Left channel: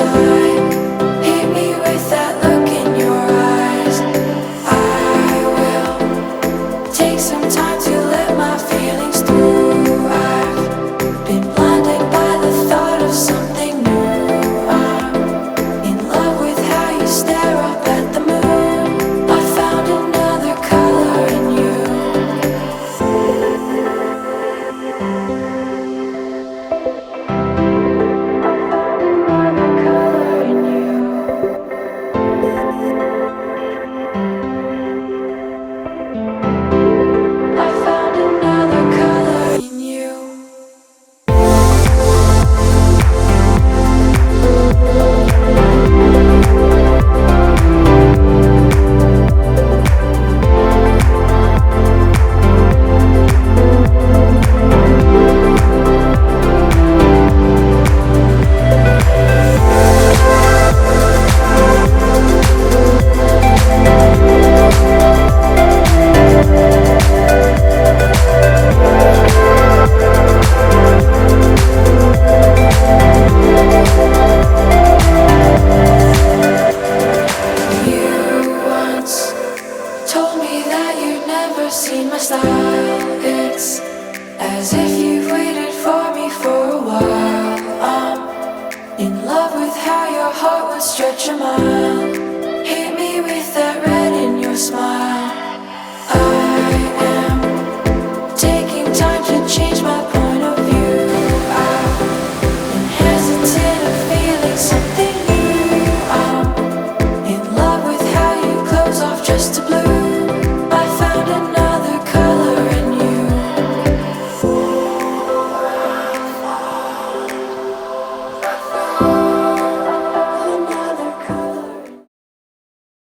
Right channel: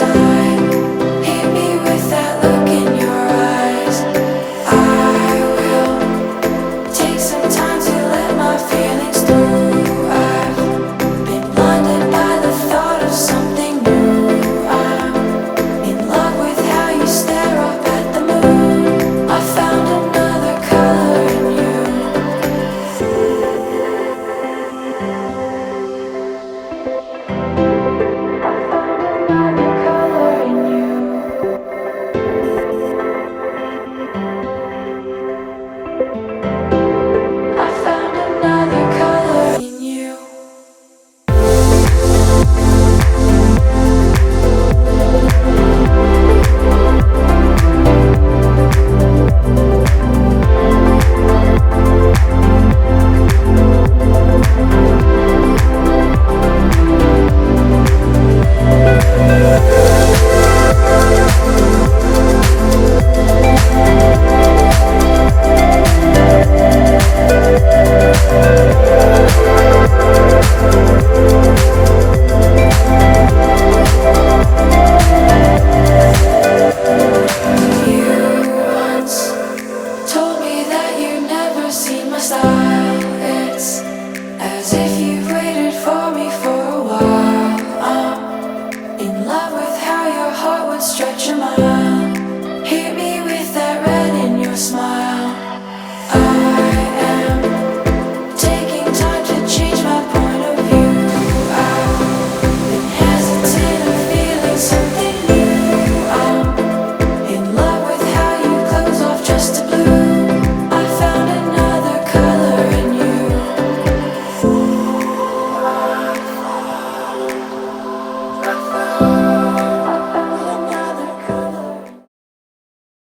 inside. Hit me with that look in your eyes. I will take some time to let my feelings through. I've been blinded by the thought of something new. I'm in love with how you stare up at the moon. I found another color in you. I found another color in you. I found another color in you. You once told me that you'd never seen my style. It's as if you've waited for me for a while. I'm in love with how your heart would stretch a mile.